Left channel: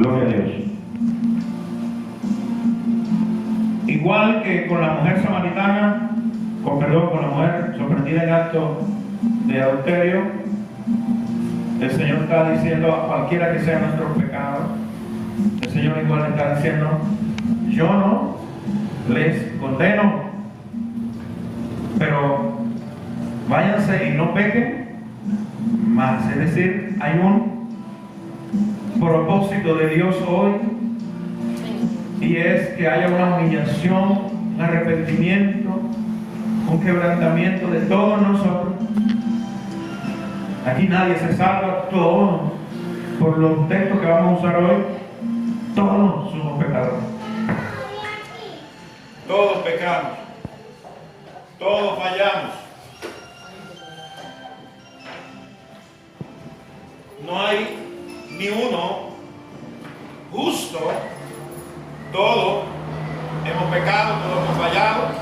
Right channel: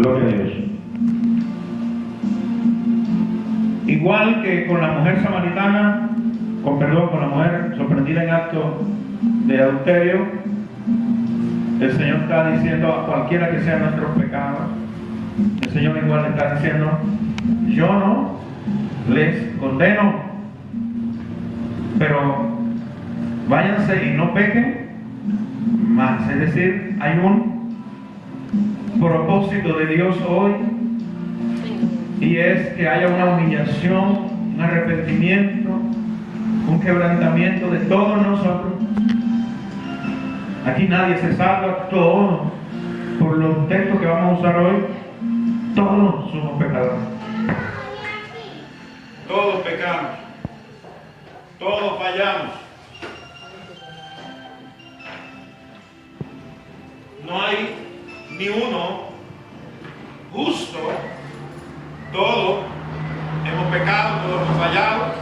Gloria a Dios. Igual que con la mujer samaritana, con la mujer sorprendida en acto de adulterio, el Señor está diciendo a cualquiera que sean nuestros pecados, el Señor igual le está diciendo: yo no les condeno, pero váyanse y no pequen más. Es decir, hay un propósito de Dios hoy, y es que haya una humillación, un arrepentimiento, un quebrantamiento de todos nosotros. Aquí nadie se salva, todos, por los textos que vamos a usar hoy, todos somos pecadores. Todos pecamos, todos fallamos. No hay ni uno justo. Todos hemos pecado, todos hemos fallado,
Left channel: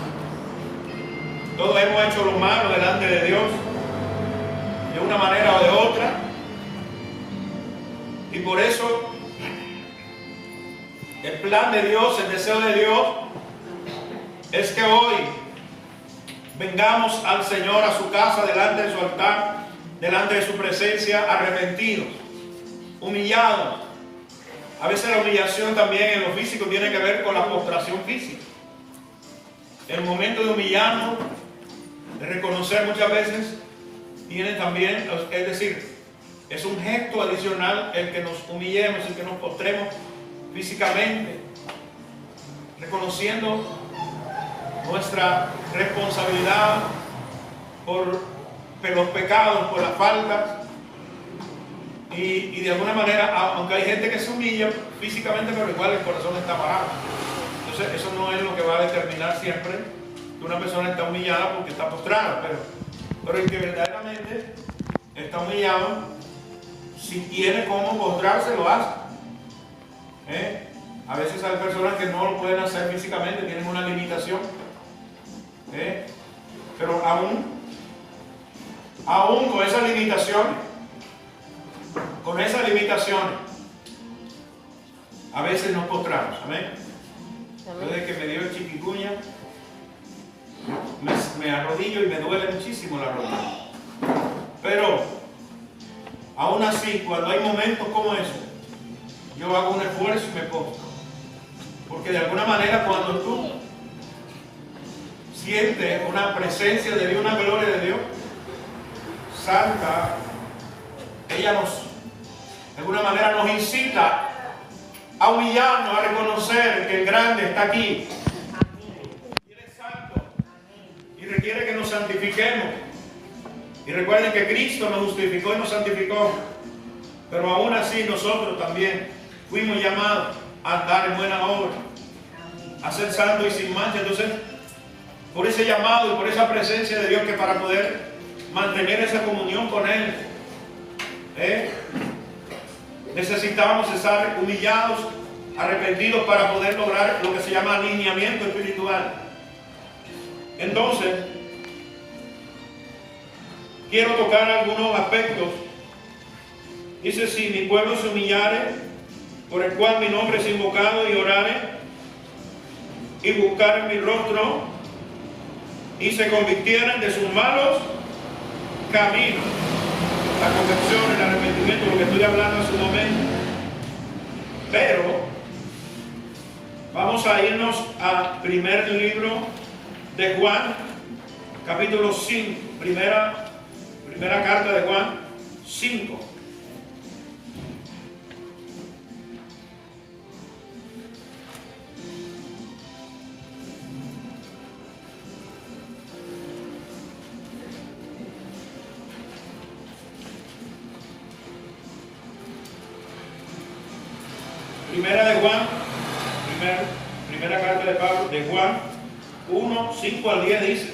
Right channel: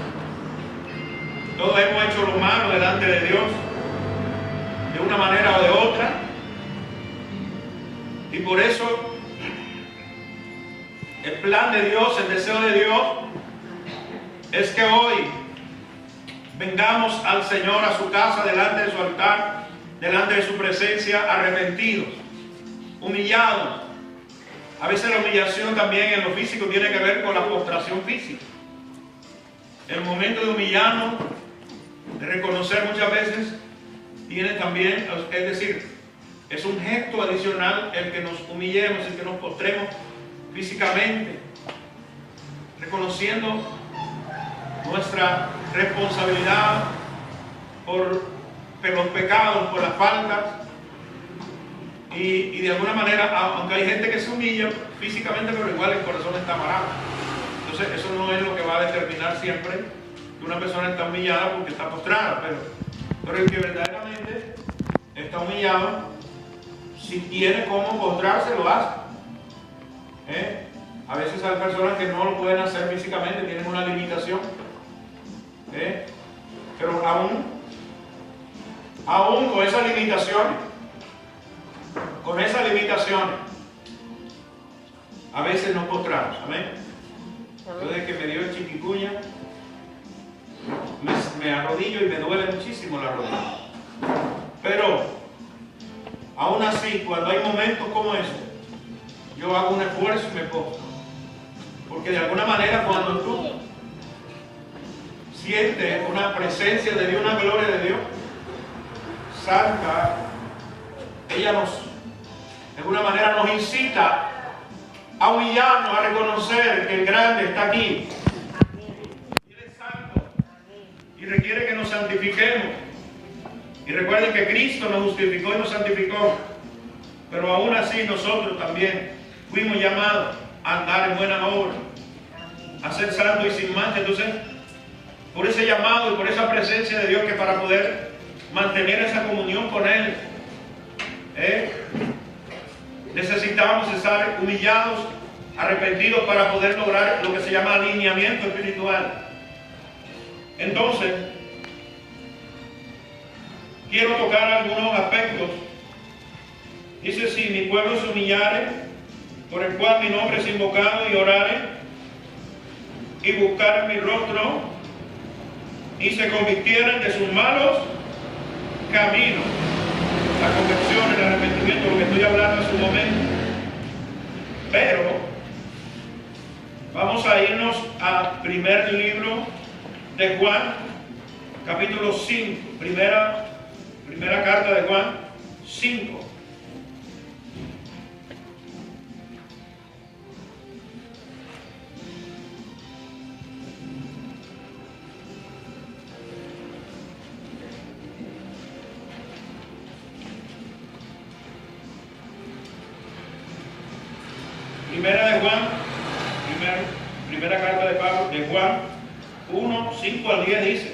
todos hemos hecho lo malo delante de Dios, de una manera o de otra. Y por eso el plan de Dios, el deseo de Dios, es que hoy vengamos al Señor a su casa, delante de su altar, delante de su presencia, arrepentidos, humillados. A veces la humillación también en lo físico tiene que ver con la postración física. El momento de humillarnos, de reconocer muchas veces, viene también, es decir, es un gesto adicional el que nos humillemos, el que nos postremos físicamente, reconociendo nuestra responsabilidad por los pecados, por las faltas. Y de alguna manera, aunque hay gente que se humilla físicamente, pero igual el corazón está parado. Entonces eso no es lo que va a determinar siempre que una persona está humillada porque está postrada, pero el que verdaderamente está humillado, si tiene cómo postrarse, lo hace. A veces hay personas que no lo pueden hacer físicamente, tienen una limitación. Pero aún con esa limitación, a veces nos postramos. Amén. Desde que me dio el chiquicuña, me arrodillo y me duele muchísimo la rodilla. Pero aún así, cuando hay momentos como ese, yo hago un esfuerzo y me postro, porque de alguna manera, cuando tú sientes una presencia de Dios, una gloria de Dios santa, ella de alguna manera nos incita a humillarnos, a reconocer que el grande está aquí. Y Él es santo y requiere que nos santifiquemos. Y recuerden que Cristo nos justificó y nos santificó, pero aún así nosotros también fuimos llamados a andar en buena obra, a ser santos y sin mancha. Entonces, por ese llamado y por esa presencia de Dios, que para poder mantener esa comunión con Él, necesitamos estar humillados, arrepentidos, para poder lograr lo que se llama alineamiento espiritual. Entonces, quiero tocar algunos aspectos. Dice: si mi pueblo se humillare, por el cual mi nombre es invocado, y orare, y buscaren mi rostro, y se convirtieren de sus malos caminos. La conversión, el arrepentimiento, lo que estoy hablando en su momento. Pero vamos a irnos al primer libro de Juan, capítulo 5, primera carta de Juan 5. Primera carta de Pablo, de Juan 1, 5 al 10 dice:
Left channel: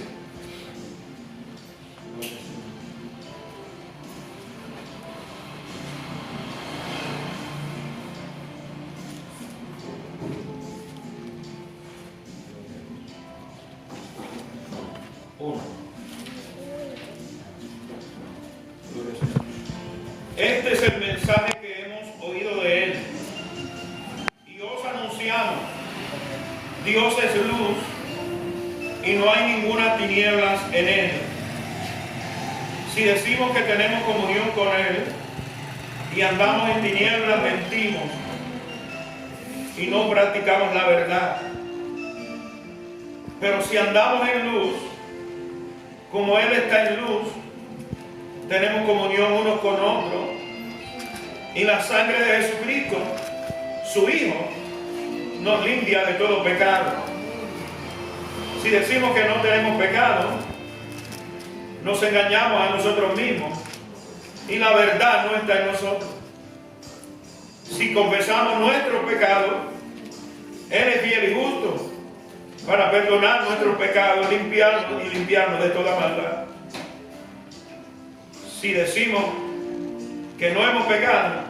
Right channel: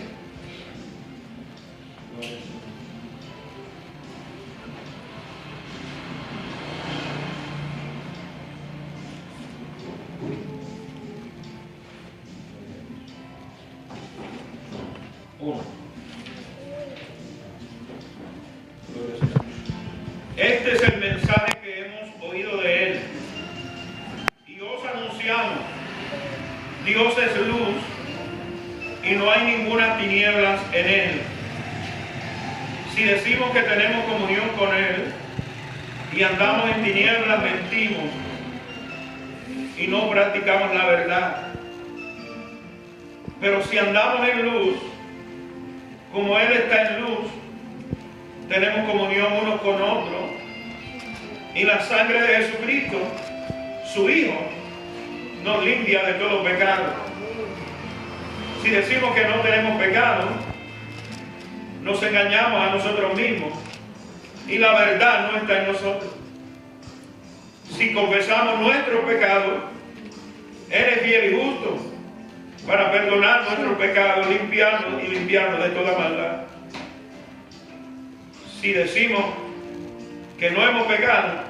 este es el mensaje que hemos oído de Él Dios es luz y no hay ninguna tinieblas en Él. Si decimos que tenemos comunión con Él y andamos en tinieblas, mentimos y no practicamos la verdad. Pero si andamos en luz, como Él está en luz, tenemos comunión unos con otros, y la sangre de Jesucristo, su Hijo, nos limpia de todo pecado. Si decimos que no tenemos pecado, nos engañamos a nosotros mismos y la verdad no está en nosotros. Si confesamos nuestros pecados, Él es fiel y justo para perdonar nuestros pecados, limpiarnos de toda maldad. Si decimos que no hemos pecado,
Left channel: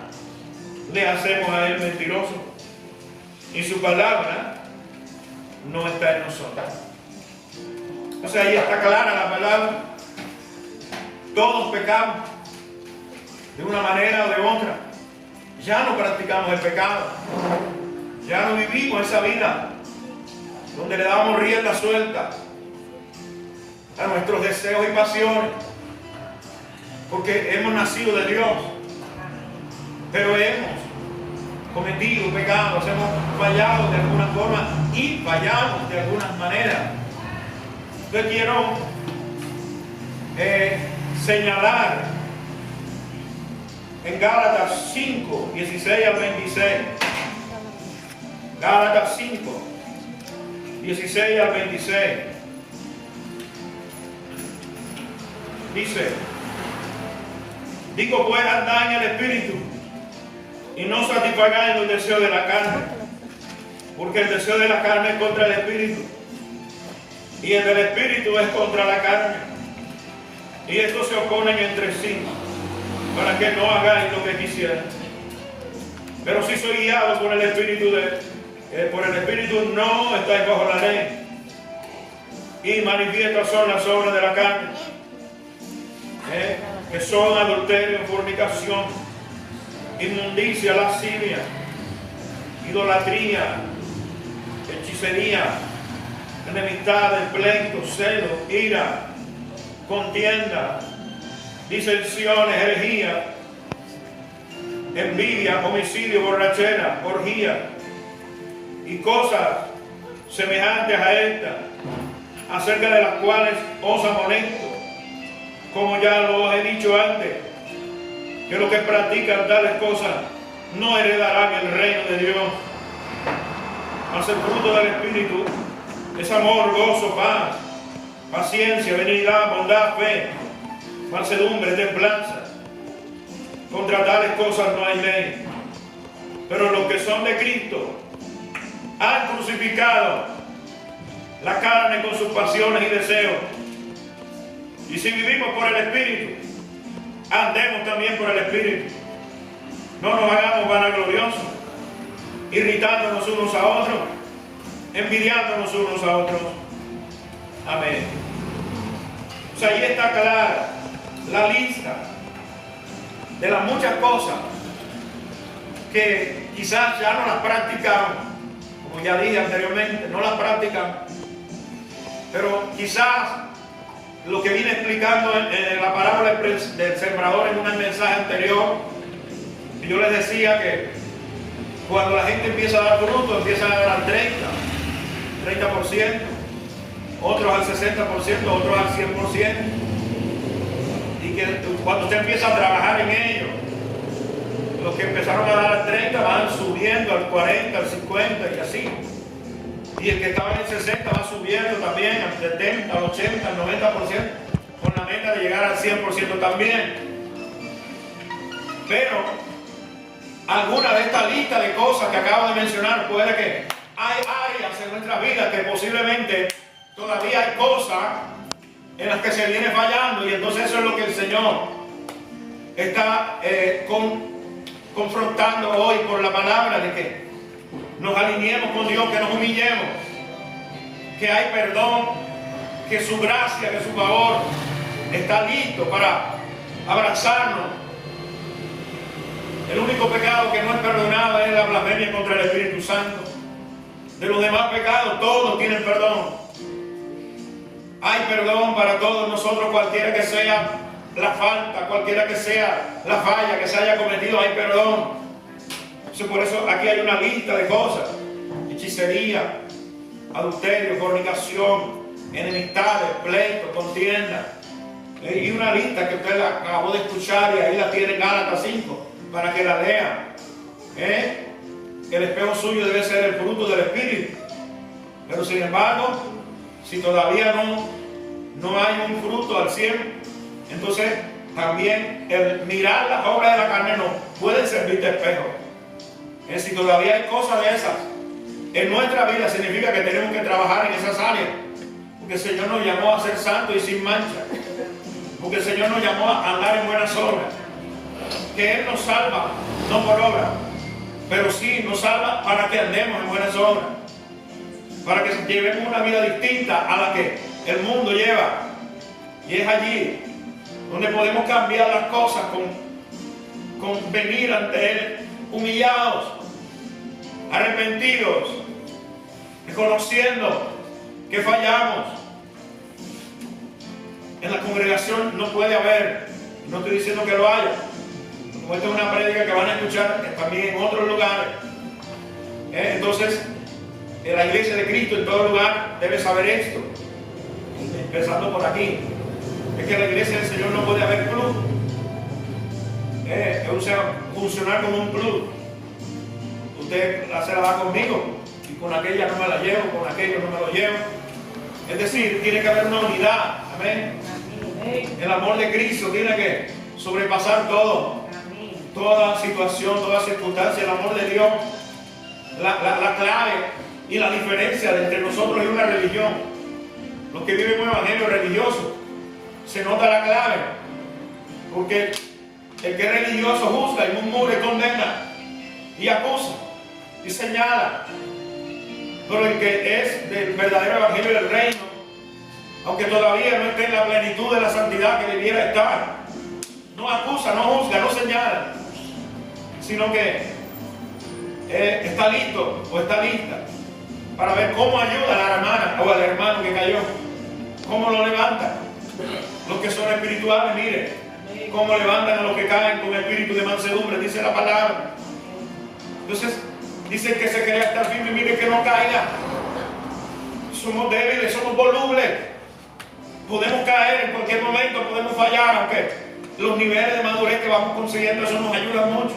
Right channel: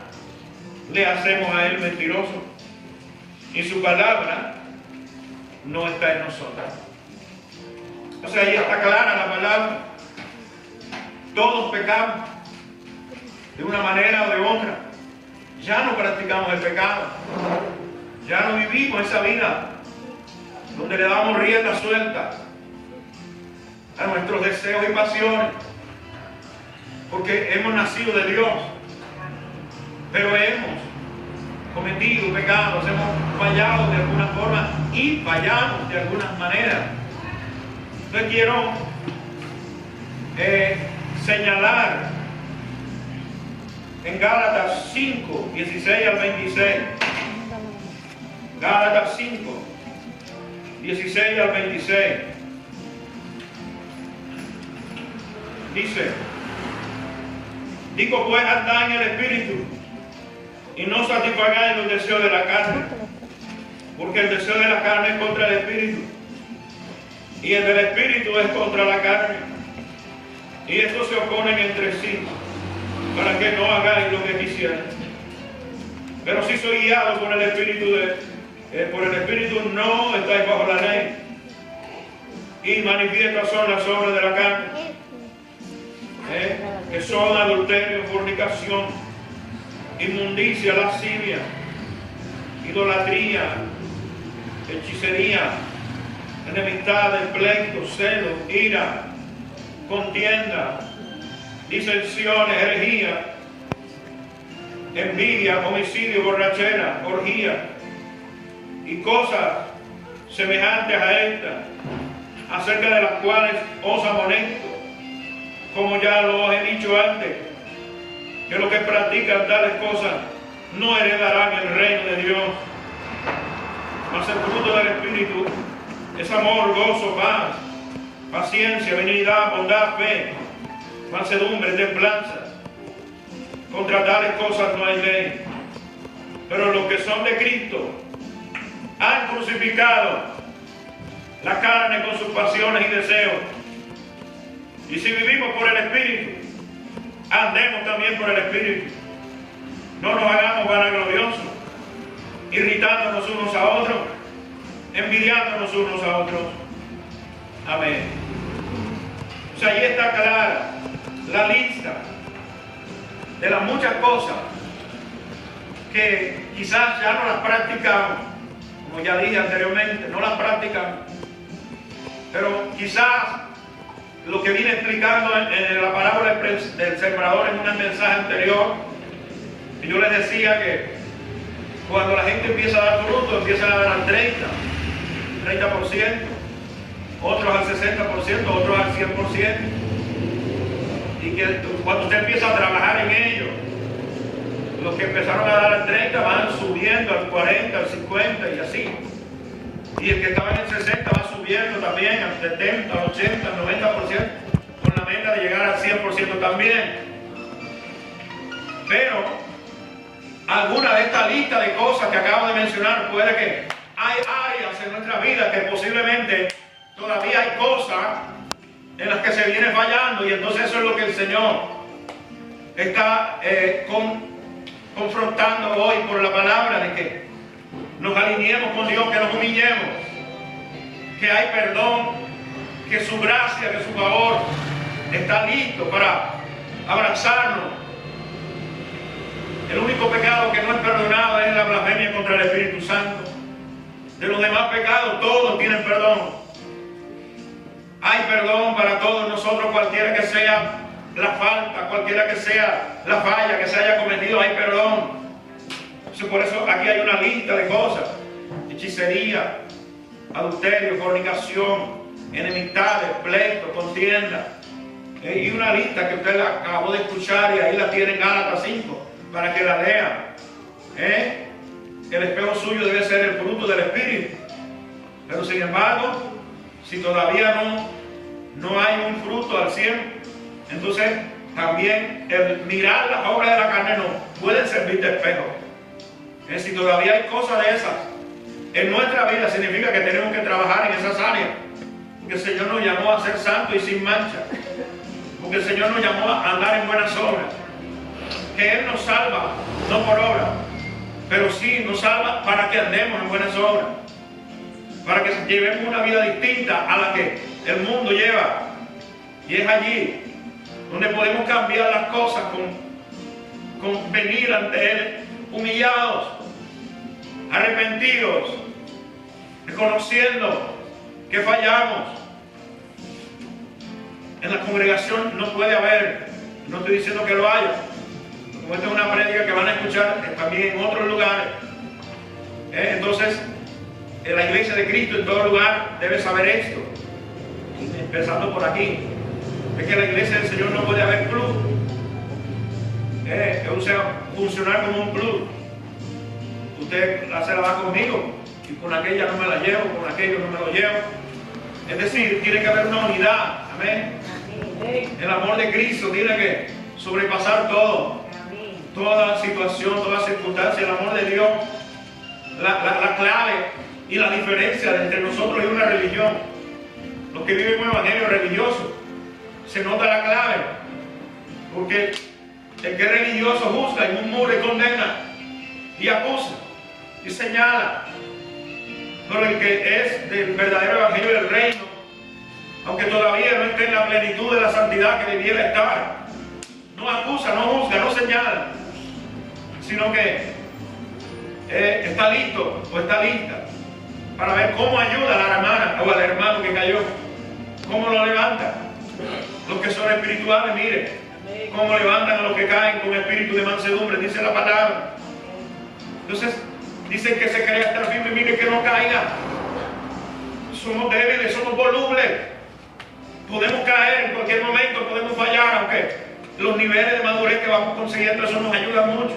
le hacemos a Él mentiroso y su palabra no está en nosotros. O sea, ahí está clara la palabra. Todos pecamos de una manera o de otra. Ya no practicamos el pecado. Ya no vivimos esa vida donde le damos rienda suelta a nuestros deseos y pasiones, porque hemos nacido de Dios, pero hemos cometido pecados, hemos fallado de alguna forma y fallamos de algunas maneras. Entonces quiero señalar en Gálatas 5, 16 al 26. Gálatas 5, 16 al 26. Dice: digo pues, andad en el Espíritu y no satisfagáis los deseos de la carne, porque el deseo de la carne es contra el Espíritu y el del Espíritu es contra la carne, y estos se oponen entre sí, para que no hagáis lo que quisieran. Pero si soy guiado por el Espíritu por el Espíritu, no estáis bajo la ley. Y manifiestas son las obras de la carne, que son adulterio, fornicación, inmundicia, lascivia, idolatría, hechicería, enemistades, pleitos, celos, ira, contienda, disensiones, herejía, envidia, homicidio, borrachera, orgía y cosas semejantes a estas, acerca de las cuales os amonesto, como ya lo he dicho antes, que los que practican tales cosas no heredarán el reino de Dios. Mas el fruto del Espíritu es amor, gozo, paz, paciencia, benignidad, bondad, fe, mansedumbre, templanza. Contra tales cosas no hay ley. Pero los que son de Cristo han crucificado la carne con sus pasiones y deseos. Y si vivimos por el Espíritu, andemos también por el Espíritu. No nos hagamos vanagloriosos, irritándonos unos a otros, envidiándonos unos a otros. Amén. O sea, ahí está clara la lista de las muchas cosas que quizás ya no las practicamos, como ya dije anteriormente, no las practicamos, pero quizás lo que vine explicando en la parábola del sembrador en un mensaje anterior, yo les decía que cuando la gente empieza a dar fruto, empiezan a dar al 30%, otros al 60%, otros al 100%. Y que cuando usted empieza a trabajar en ello, los que empezaron a dar al 30 van subiendo al 40, al 50 y así. Y el que estaba en el 60 va subiendo también al 70, al 80, al 90%, con la meta de llegar al 100% también. Pero alguna de esta lista de cosas que acabo de mencionar, puede que hay áreas en nuestra vida que posiblemente todavía hay cosas en las que se viene fallando, y entonces eso es lo que el Señor está confrontando hoy por la palabra, de que nos alineemos con Dios, que nos humillemos, que hay perdón, que su gracia, que su favor está listo para abrazarnos. El único pecado que no es perdonado es la blasfemia contra el Espíritu Santo. de los demás pecados, todos tienen perdón. Hay perdón para todos nosotros, cualquiera que sea la falta, cualquiera que sea la falla que se haya cometido, hay perdón. Por eso aquí hay una lista de cosas: hechicería, adulterio, fornicación, enemistades, pleitos, contienda. Y una lista que usted la acabó de escuchar, y ahí la tiene en Gálatas 5 para que la lea. El espejo suyo debe ser el fruto del Espíritu. Pero sin embargo, si todavía no hay un fruto al 100, entonces también el mirar las obras de la carne no puede servir de espejo. Si todavía hay cosas de esas en nuestra vida, significa que tenemos que trabajar en esas áreas. Porque el Señor nos llamó a ser santos y sin mancha. Porque el Señor nos llamó a andar en buenas obras. Que Él nos salva, no por obra, pero sí nos salva para que andemos en buenas obras. Para que llevemos una vida distinta a la que el mundo lleva. Y es allí donde podemos cambiar las cosas con venir ante Él humillados, arrepentidos, reconociendo que fallamos. En la congregación no puede haber, no estoy diciendo que lo haya, como esta es una prédica que van a escuchar también en otros lugares. Entonces, la iglesia de Cristo en todo lugar debe saber esto, empezando por aquí. Es que la iglesia del Señor no puede haber club. O sea, funcionar como un club. Usted se la va conmigo y con aquella no me la llevo, con aquello no me lo llevo. Es decir, tiene que haber una unidad. Amén. El amor de Cristo tiene que sobrepasar todo, toda situación, toda circunstancia. El amor de Dios, la clave y la diferencia entre nosotros y una religión. Los que viven un evangelio religioso, se nota la clave, porque el que es religioso juzga y murmura y condena y acusa y señala. Pero el que es del verdadero evangelio del reino, aunque todavía no esté en la plenitud de la santidad que debiera estar, no acusa, no juzga, no señala, sino que está listo o está lista para ver cómo ayuda a la hermana o al hermano que cayó, cómo lo levanta. Los que son espirituales, mire cómo levantan a los que caen con espíritu de mansedumbre, dice la palabra. Entonces, dice que se cree estar firme y mire que no caiga. Somos débiles, somos volubles. Podemos caer en cualquier momento, podemos fallar, aunque los niveles de madurez que vamos consiguiendo, eso nos ayuda mucho.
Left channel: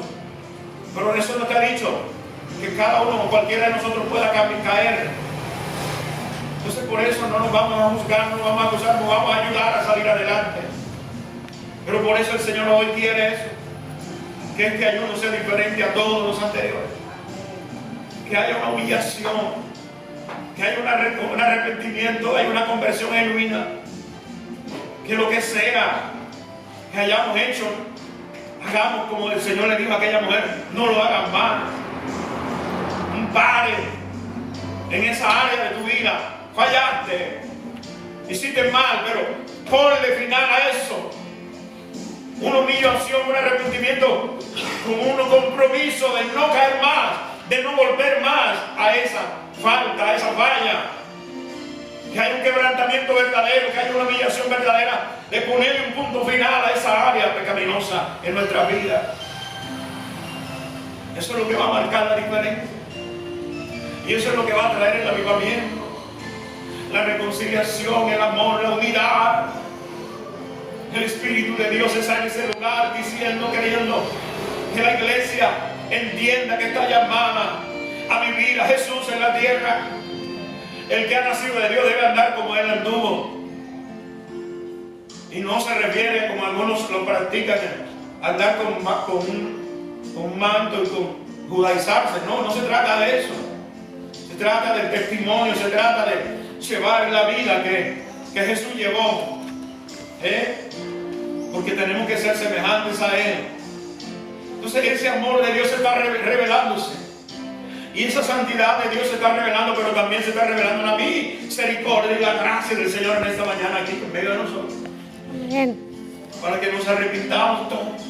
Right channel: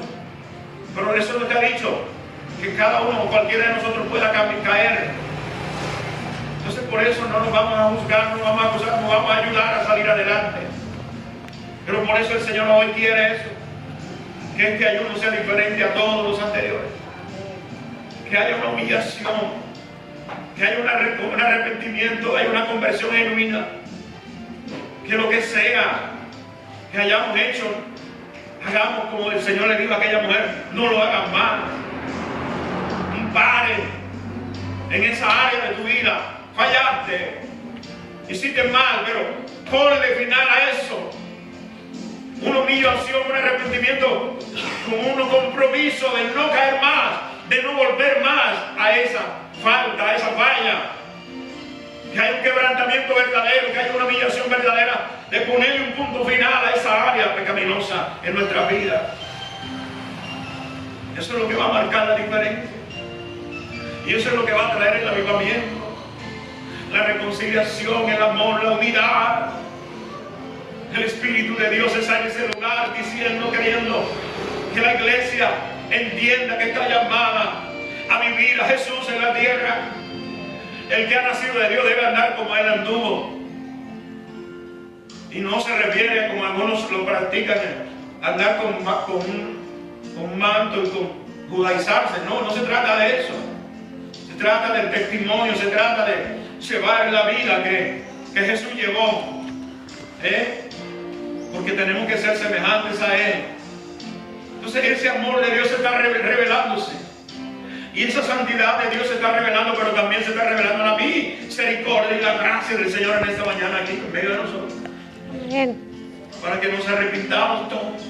Pero eso no te ha dicho que cada uno o cualquiera de nosotros pueda caer. Entonces por eso no nos vamos a juzgar, no nos vamos a acusar, nos vamos a ayudar a salir adelante. Pero por eso el Señor hoy quiere eso, que este ayuno sea diferente a todos los anteriores. Que haya una humillación, que haya un arrepentimiento, haya una conversión genuina. Que lo que sea que hayamos hecho, hagamos como el Señor le dijo a aquella mujer, no lo hagan mal. Pare en esa área de tu vida. Fallaste, hiciste mal, pero ponle final a eso. Una humillación, un arrepentimiento, con un compromiso de no caer más, de no volver más a esa falta, a esa falla. Que haya un quebrantamiento verdadero, que haya una humillación verdadera, de ponerle un punto final a esa área pecaminosa en nuestra vida. Eso es lo que va a marcar la diferencia. Y eso es lo que va a traer el avivamiento, la reconciliación, el amor, la unidad. El Espíritu de Dios está en ese lugar diciendo, queriendo que la iglesia entienda que está llamada a vivir a Jesús en la tierra. El que ha nacido de Dios debe andar como Él anduvo. Y no se refiere, como algunos lo practican, andar con un manto y con judaizarse. No, no se trata de eso. Se trata del testimonio, se trata de llevar la vida que Jesús llevó. Porque tenemos que ser semejantes a Él. Entonces ese amor de Dios está revelándose. Y esa santidad de Dios se está revelando, pero también se está revelando la misericordia y la gracia del Señor en esta mañana aquí en medio de nosotros. Amén. Para que nos arrepintamos todos.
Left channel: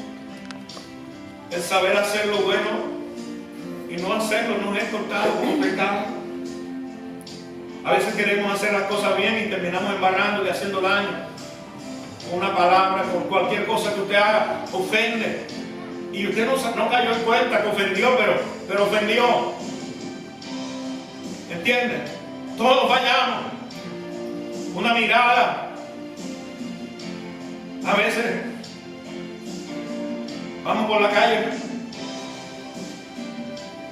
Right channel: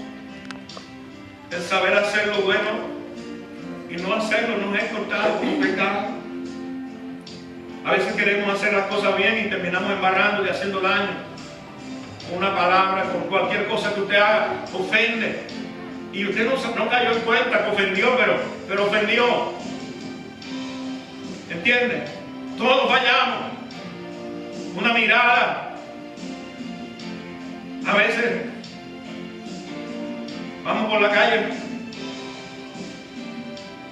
El saber hacer lo bueno y no hacerlo nos es contado como pecado. A veces queremos hacer las cosas bien y terminamos embarrando y haciendo daño. Una palabra, con cualquier cosa que usted haga, ofende. Y usted no cayó en cuenta que ofendió, pero ofendió. ¿Entiende? Todos fallamos. Una mirada. A veces vamos por la calle,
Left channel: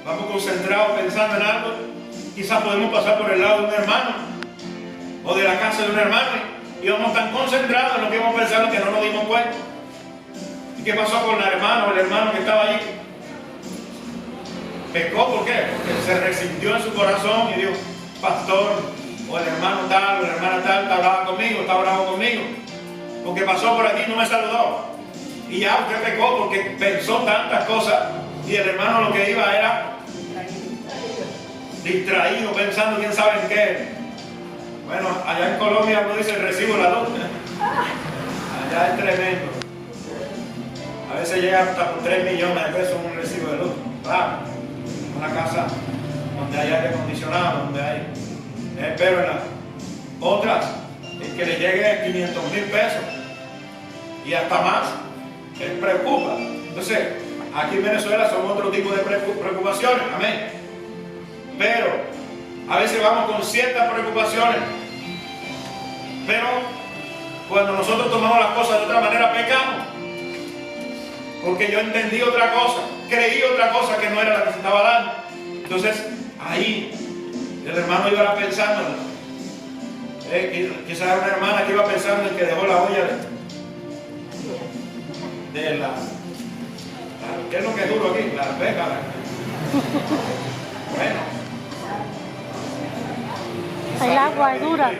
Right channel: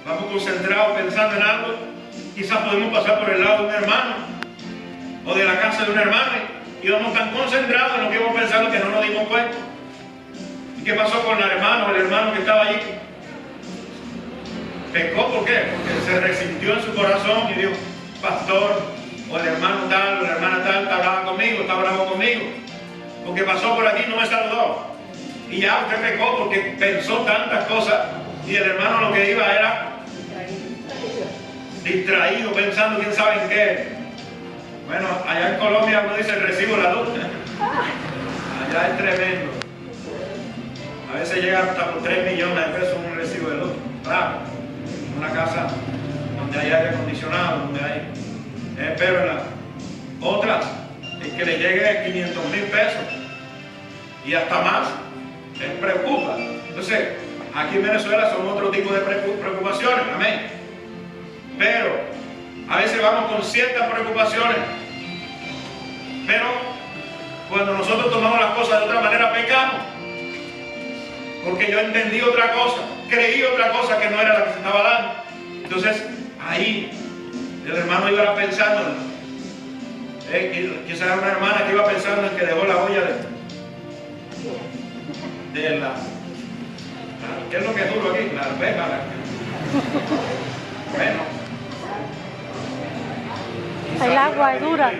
vamos concentrados pensando en algo. Quizás podemos pasar por el lado de un hermano o de la casa de un hermano y vamos tan concentrados en lo que íbamos pensando que no nos dimos cuenta. ¿Y qué pasó con el hermano o el hermano que estaba allí? Pecó, ¿por qué? Porque se resintió en su corazón y dijo, pastor, o el hermano tal, o la hermana tal, está bravo conmigo, está bravo conmigo, porque pasó por aquí y no me saludó. Y ya usted pecó porque pensó tantas cosas y el hermano lo que iba era distraído, pensando quién sabe en qué. Bueno, allá en Colombia uno dice el recibo de la luz. Allá es tremendo. A veces llega hasta por 3 millones de pesos un recibo de luz. Claro, una casa donde hay aire acondicionado, donde hay. Pero en las otras, es que le llegue 500,000 pesos y hasta más, les preocupa. Entonces, aquí en Venezuela son otro tipo de preocupaciones, amén. Pero a veces vamos con ciertas preocupaciones, pero cuando nosotros tomamos las cosas de otra manera pecamos, porque yo entendí otra cosa, creí otra cosa que no era la que se estaba dando. Entonces ahí el hermano iba pensando, quizás era una hermana que iba pensando en que dejó la olla de la, ¿qué es lo que es duro aquí? La alberca. Bueno, el agua es dura.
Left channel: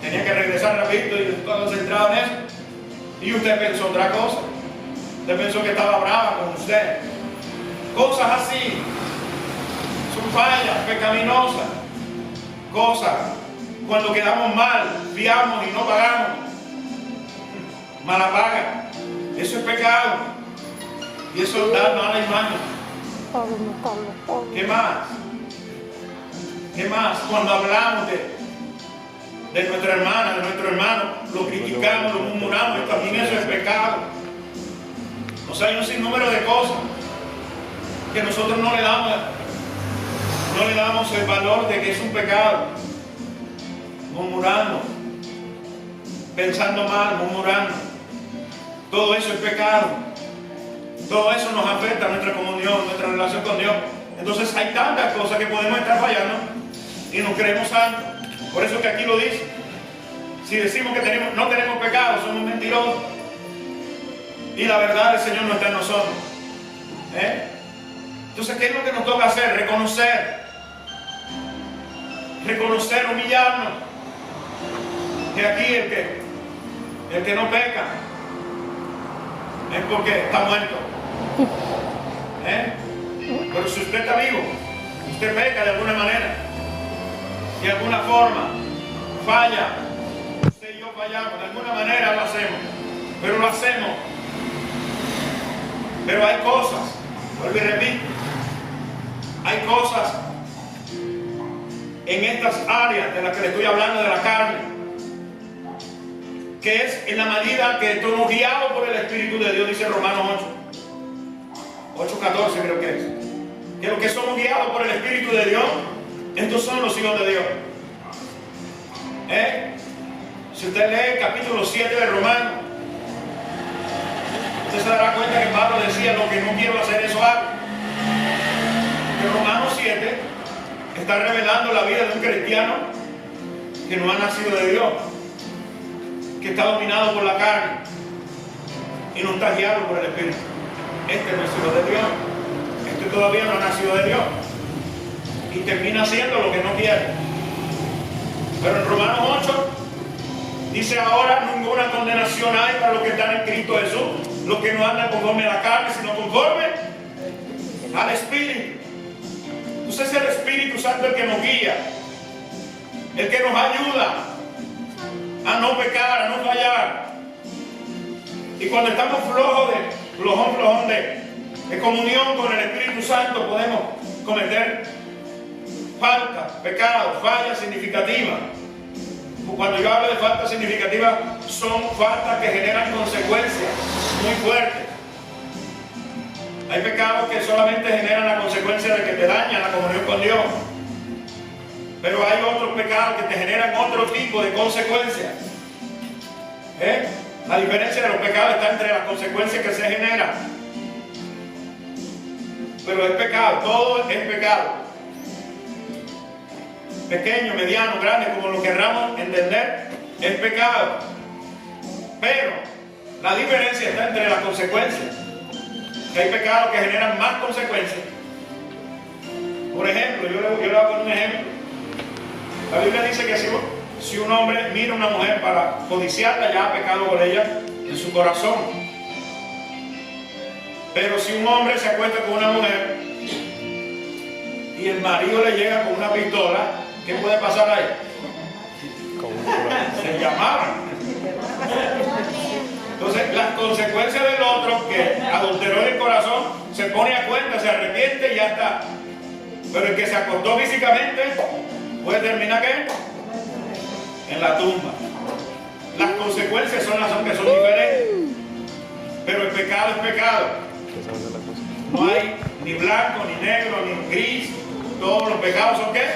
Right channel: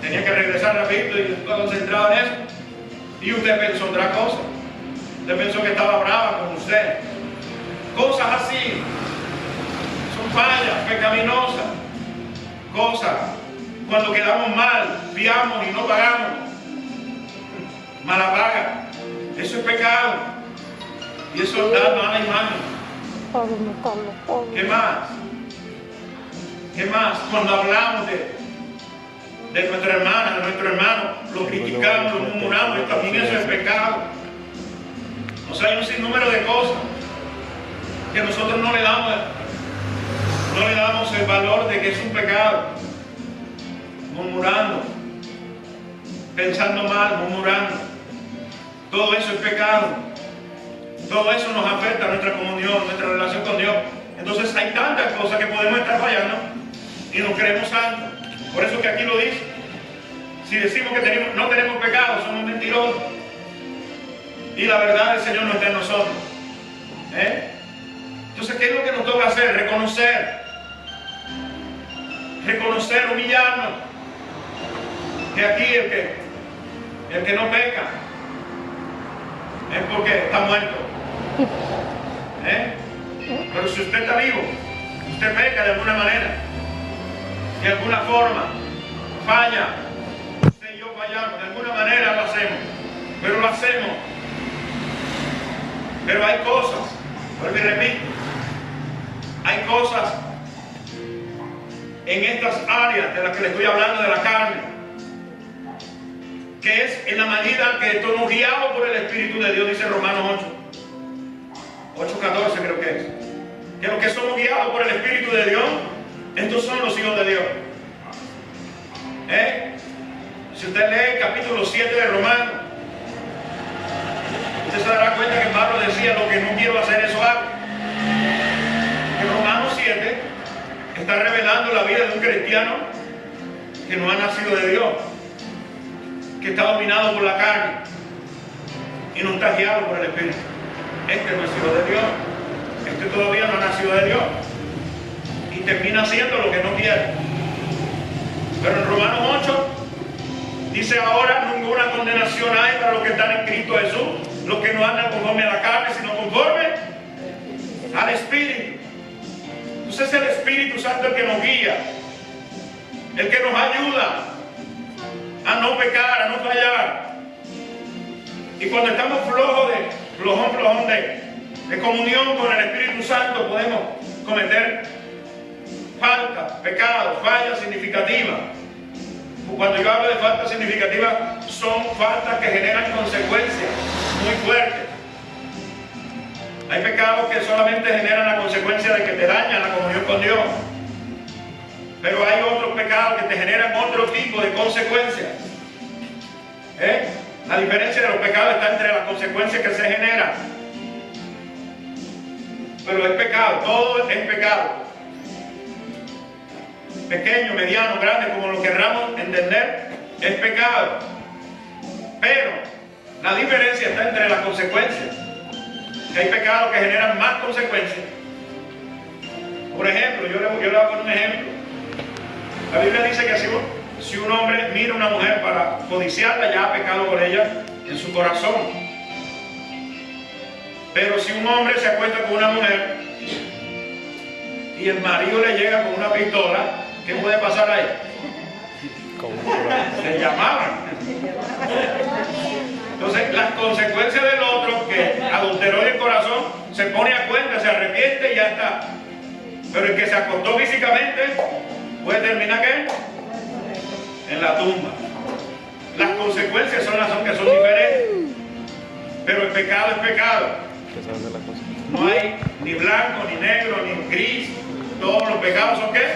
Tenía que regresar rapidito y estaba concentrado en eso. Y usted pensó otra cosa. Usted pensó que estaba brava con usted. Cosas así. Son fallas pecaminosas. Cosas. Cuando quedamos mal, fiamos y no pagamos. Mala paga. Eso es pecado. Y eso da mala imagen. ¿Qué más? ¿Qué más? Cuando hablamos de nuestra hermana, de nuestro hermano, lo criticamos, lo murmuramos, y también eso es pecado. O sea, hay un sinnúmero de cosas que nosotros no le damos el valor de que es un pecado. Murmurando, pensando mal, murmurando. Todo eso es pecado. Todo eso nos afecta a nuestra comunión, nuestra relación con Dios. Entonces hay tantas cosas que podemos estar fallando y nos creemos santos. Por eso que aquí lo dice. Si decimos que no tenemos pecado, somos mentirosos. Y la verdad del Señor no está en nosotros. Entonces, ¿qué es lo que nos toca hacer? Reconocer, humillarnos. Que aquí el que no peca es porque está muerto. Pero si usted está vivo, usted peca de alguna manera, de alguna forma, falla. Usted y yo fallamos, de alguna manera lo hacemos, pero lo hacemos. Pero hay cosas, vuelvo y repito, hay cosas en estas áreas de las que le estoy hablando de la carne, que es en la medida que estamos guiados por el Espíritu de Dios, dice Romanos 8:14 creo que es. Que los que somos guiados por el Espíritu de Dios, estos son los hijos de Dios. Si usted lee el capítulo 7 de Romanos, usted se dará cuenta que Pablo decía, lo que no quiero hacer, eso hago. Que Romanos 7 está revelando la vida de un cristiano que no ha nacido de Dios, que está dominado por la carne y no está guiado por el Espíritu. Este no es hijo de Dios. Este todavía no ha nacido de Dios. Y termina haciendo lo que no quiere. Pero en Romanos 8 dice, ahora ninguna condenación hay para los que están en Cristo Jesús, los que no andan conforme a la carne, sino conforme al Espíritu. Entonces es el Espíritu Santo el que nos guía, el que nos ayuda a no pecar, a no fallar. Y cuando estamos flojón de comunión con el Espíritu Santo, podemos cometer falta, pecado, falla significativa. Cuando yo hablo de falta significativa, son faltas que generan consecuencias muy fuertes. Hay pecados que solamente generan la consecuencia de que te dañan la comunión con Dios. Pero hay otros pecados que te generan otro tipo de consecuencias. La diferencia de los pecados está entre las consecuencias que se generan. Pero es pecado, todo es pecado. Pequeño, mediano, grande, como lo querramos entender, es pecado. Pero la diferencia está entre las consecuencias. Hay pecados que generan más consecuencias. Por ejemplo, yo le voy a poner un ejemplo. La Biblia dice que si un hombre mira a una mujer para codiciarla, ya ha pecado por ella en su corazón. Pero si un hombre se acuesta con una mujer y el marido le llega con una pistola, ¿qué puede pasar ahí? Se llamaban. Entonces, las consecuencias del otro que adulteró el corazón se pone a cuenta, se arrepiente y ya está. Pero el que se acostó físicamente puede terminar ¿qué? En la tumba. Las consecuencias son las que son diferentes. Pero el pecado es pecado. No hay ni blanco, ni negro, ni gris. Todos los pecados son ¿qué?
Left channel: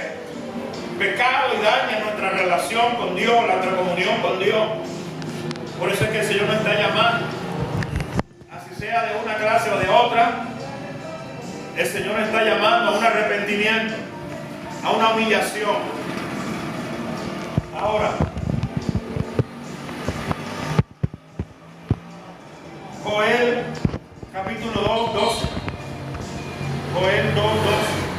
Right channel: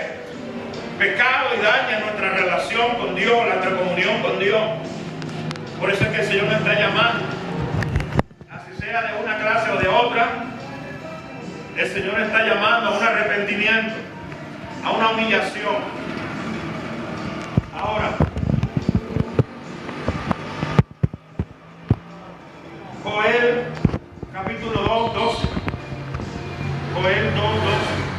Pecado y dañan nuestra relación con Dios, nuestra comunión con Dios. Por eso es que el Señor nos está llamando. Así sea de una clase o de otra, el Señor nos está llamando a un arrepentimiento, a una humillación. Ahora, Joel capítulo 2, 12. Joel 2, 12.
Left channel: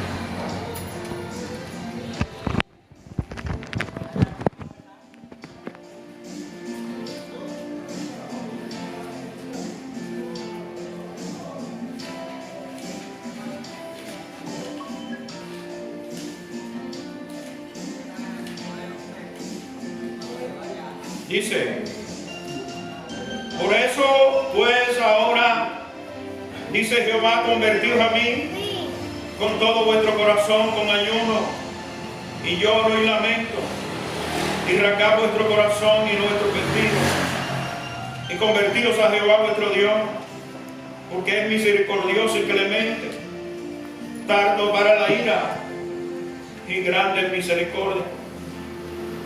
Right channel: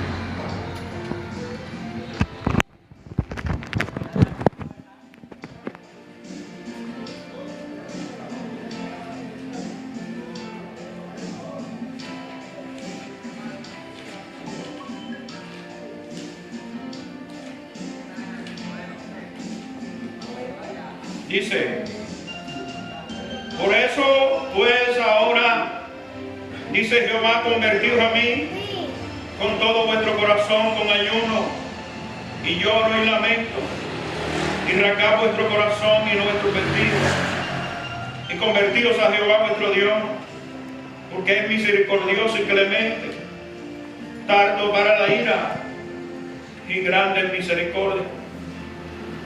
Dice, por eso pues ahora, dice Jehová, convertíos a mí con todo vuestro corazón, con ayuno y lloro y lamento, y rasgad vuestro corazón y no vuestro vestido, y convertíos a Jehová vuestro Dios, porque es misericordioso y clemente, tardo para la ira y grande en misericordia,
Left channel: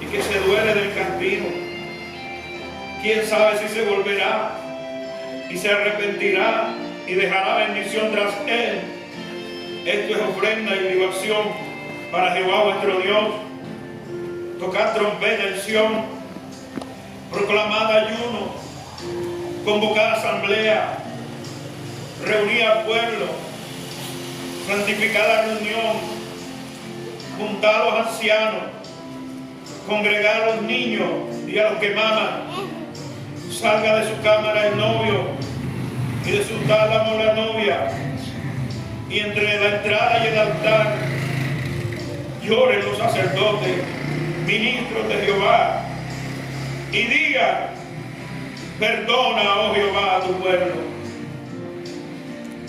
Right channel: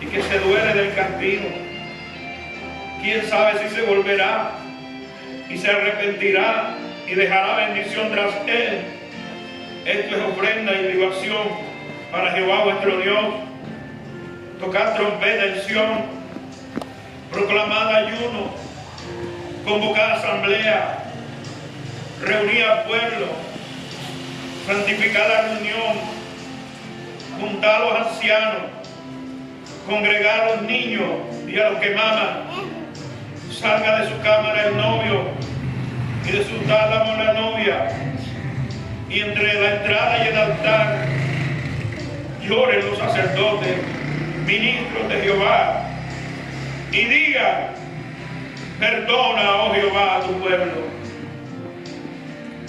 y que se duele del castigo. ¿Quién sabe si se volverá y se arrepentirá y dejará bendición tras él? Esto es ofrenda y libación para Jehová vuestro Dios. Tocad trompeta en Sión, proclamad ayuno, convocad asamblea, reunid al pueblo, santificad la reunión, juntad a los ancianos, congregad a los niños y a los que maman. Salga de su cámara el novio y de su tálamo la novia, y entre la entrada y el altar lloren los sacerdotes, ministros de Jehová, y digan, perdona, oh Jehová, a tu pueblo,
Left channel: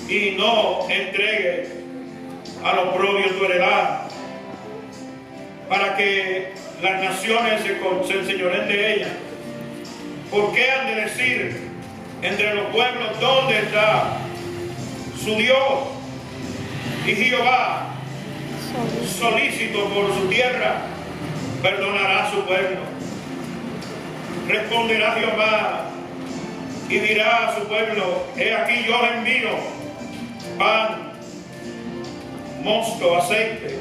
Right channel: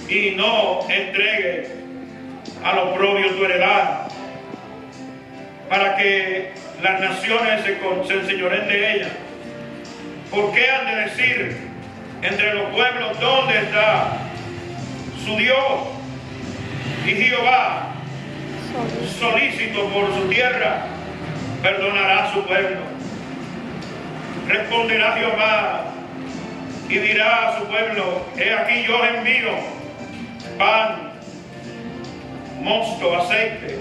y no entregue al oprobio tu heredad, para que las naciones se enseñoreen de ella. ¿Por qué han de decir entre los pueblos dónde está su Dios? Y Jehová, solícito por su tierra, perdonará a su pueblo. Responderá Jehová y dirá a su pueblo, he aquí yo os envío pan, mosto, aceite,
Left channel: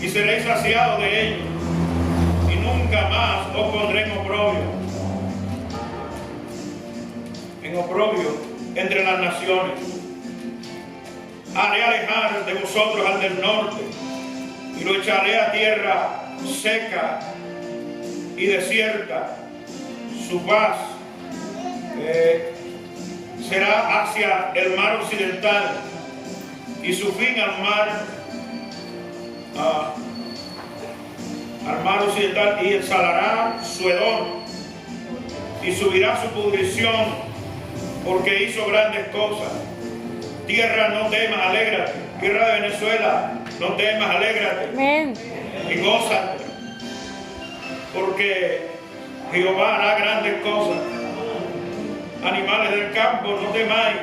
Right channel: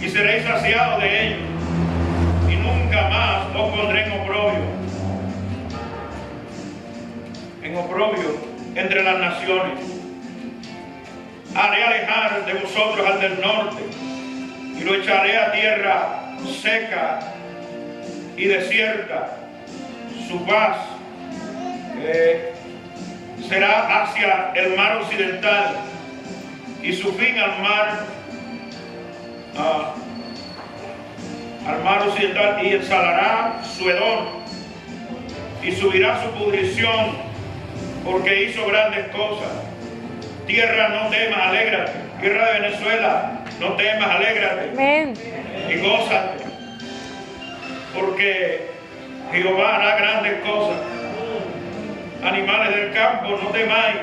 y seréis saciados de ellos, y nunca más os pondré en oprobio. En oprobio entre las naciones. Haré alejar de vosotros al del norte, y lo echaré a tierra seca y desierta. Su paz será hacia el mar occidental, y su fin al mar occidental, y exhalará su hedor, y subirá su pudrición, porque hizo grandes cosas. Tierra, no temas, alégrate, Tierra de Venezuela, no temas, alégrate Amén. y gózate, porque Jehová hará grandes cosas. Animales del campo, no temáis,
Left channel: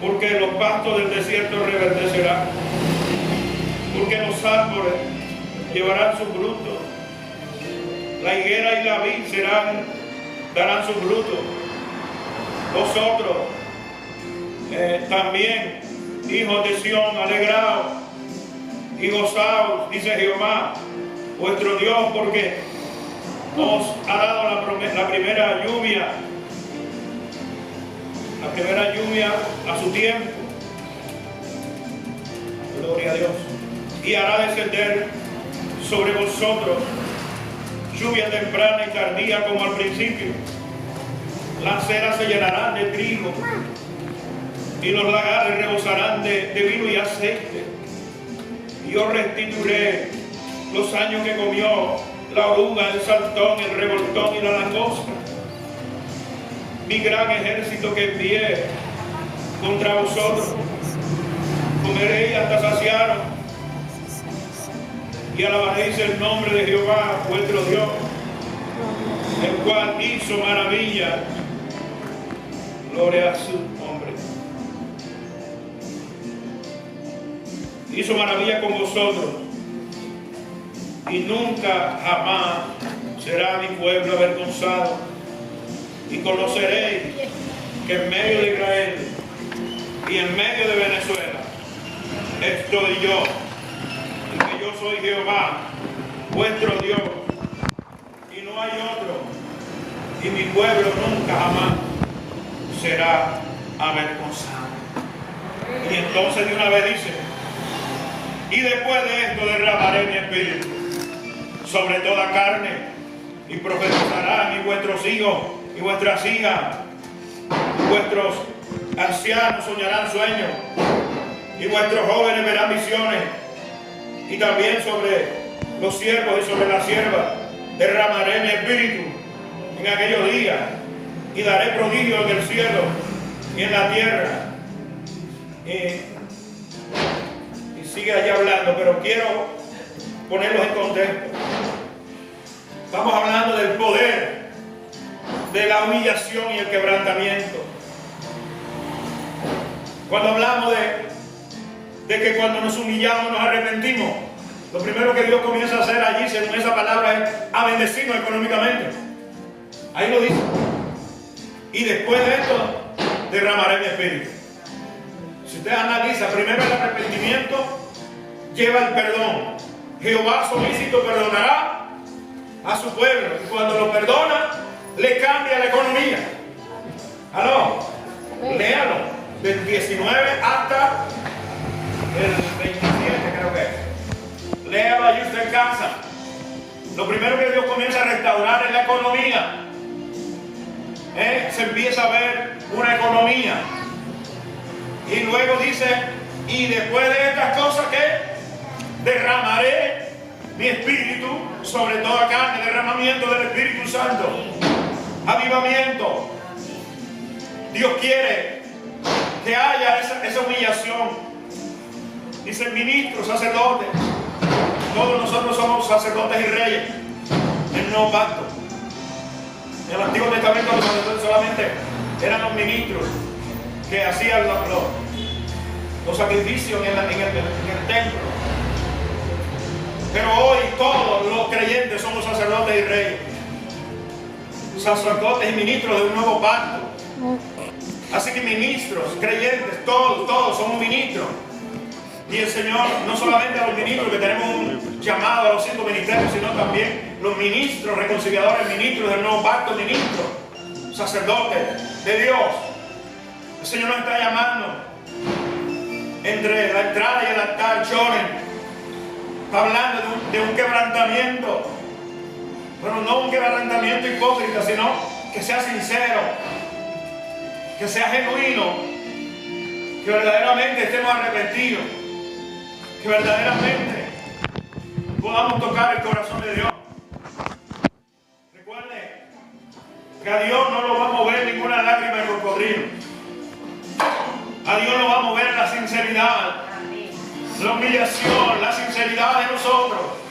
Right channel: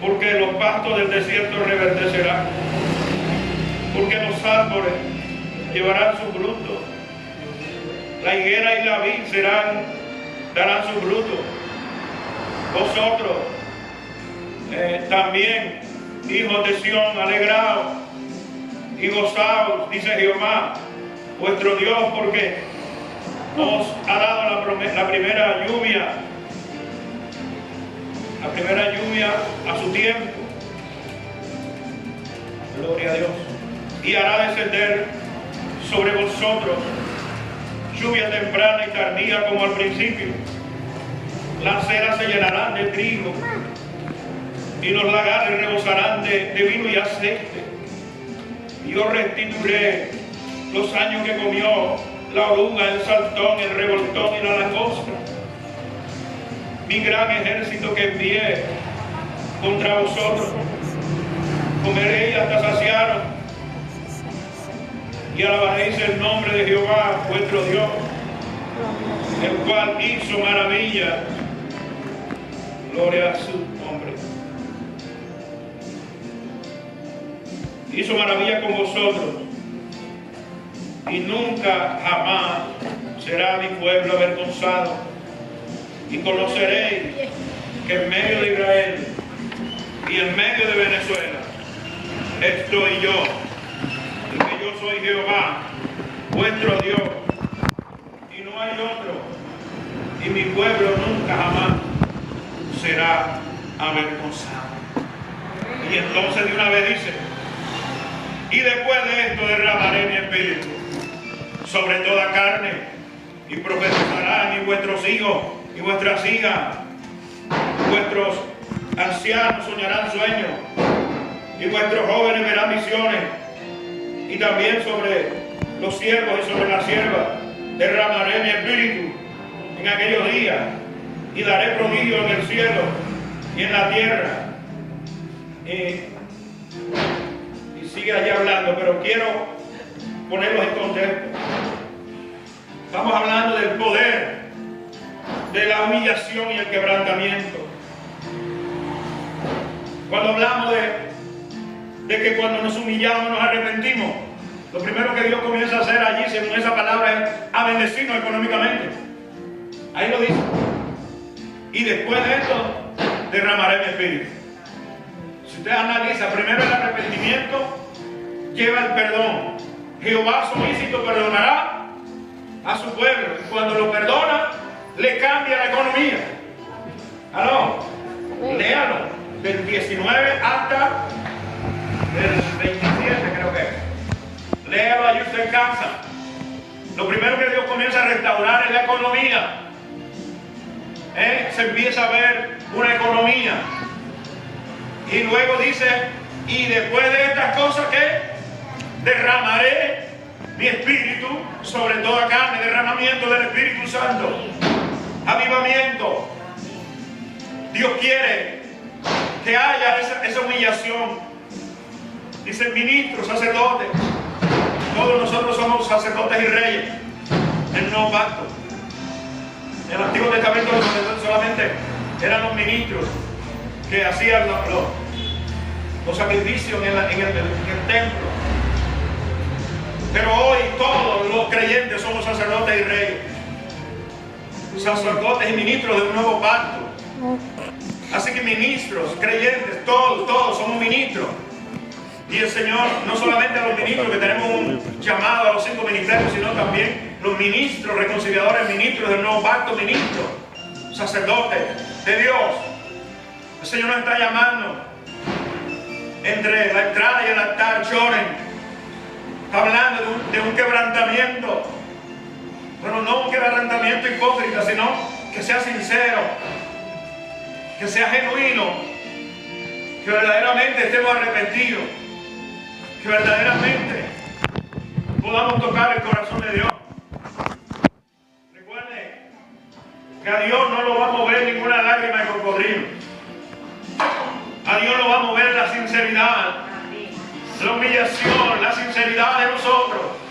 porque los pastos del desierto reverdecerán, porque los árboles llevarán su fruto, la higuera y la vid darán su fruto. Vosotros también, hijos de Sión, alegraos y gozaos, dice Jehová, vuestro Dios, porque os ha dado la primera lluvia a su tiempo. Gloria a Dios. Y hará descender sobre vosotros lluvia temprana y tardía como al principio. Las ceras se llenarán de trigo y los lagares rebosarán de vino y aceite. Yo restituiré los años que comió la oruga, el saltón, el revoltón y la langosta. Mi gran ejército que envié contra vosotros, comeréis hasta saciaros y alabaréis el nombre de Jehová vuestro Dios, el cual hizo maravilla. Gloria a su nombre. Hizo maravilla con vosotros, y nunca jamás será mi pueblo avergonzado. Y conoceréis que en medio de Israel y en medio de Venezuela estoy yo, y que yo soy Jehová, vuestro Dios, y no hay otro, y mi pueblo nunca jamás será avergonzado. Y entonces de una vez dice, y después de esto derramaré mi espíritu sobre toda carne, y profetizarán, y vuestros hijos y vuestras hijas, vuestros ancianos soñarán sueños, y vuestros jóvenes verán visiones, y también sobre los siervos y sobre las siervas derramaré mi espíritu en aquellos días, y daré prodigios en el cielo y en la tierra. Y sigue allá hablando, pero quiero ponerlos en contexto. Estamos hablando del poder de la humillación y el quebrantamiento. Cuando hablamos de que cuando nos humillamos nos arrepentimos, lo primero que Dios comienza a hacer allí, según esa palabra, es a bendecirnos económicamente. Ahí lo dice. Y después de esto, derramaré mi espíritu. Si usted analiza, primero el arrepentimiento lleva el perdón. Jehová solícito perdonará a su pueblo. Y cuando lo perdona, le cambia la economía. ¿Aló? Léalo. Del 19 hasta el 27, creo que es. Léalo allí usted en casa. Lo primero que Dios comienza a restaurar es la economía. Se empieza a ver una economía. Y luego dice, y después de estas cosas que derramaré mi espíritu sobre toda carne, derramamiento del Espíritu Santo, avivamiento. Dios quiere que haya esa humillación. Dice ministros, sacerdotes. Todos nosotros somos sacerdotes y reyes en el nuevo pacto. En el Antiguo Testamento los sacerdotes solamente eran los ministros que hacían los sacrificios en el templo. Pero hoy todos los creyentes somos sacerdotes y reyes, sacerdotes y ministros de un nuevo pacto. Así que ministros, creyentes, todos somos ministros. Y el Señor, no solamente a los ministros que tenemos un llamado a los 5 ministerios, sino también los ministros, reconciliadores, ministros del nuevo pacto, ministros, sacerdotes de Dios. El Señor nos está llamando entre la entrada y el altar, lloren. Está hablando de un quebrantamiento, pero no un quebrantamiento hipócrita, sino que sea sincero, que sea genuino, que verdaderamente estemos arrepentidos, que verdaderamente podamos tocar el corazón de Dios. Recuerde que a Dios no lo va a mover ninguna lágrima de cocodrilo. A Dios lo va a mover la sinceridad, la humillación, la sinceridad de nosotros.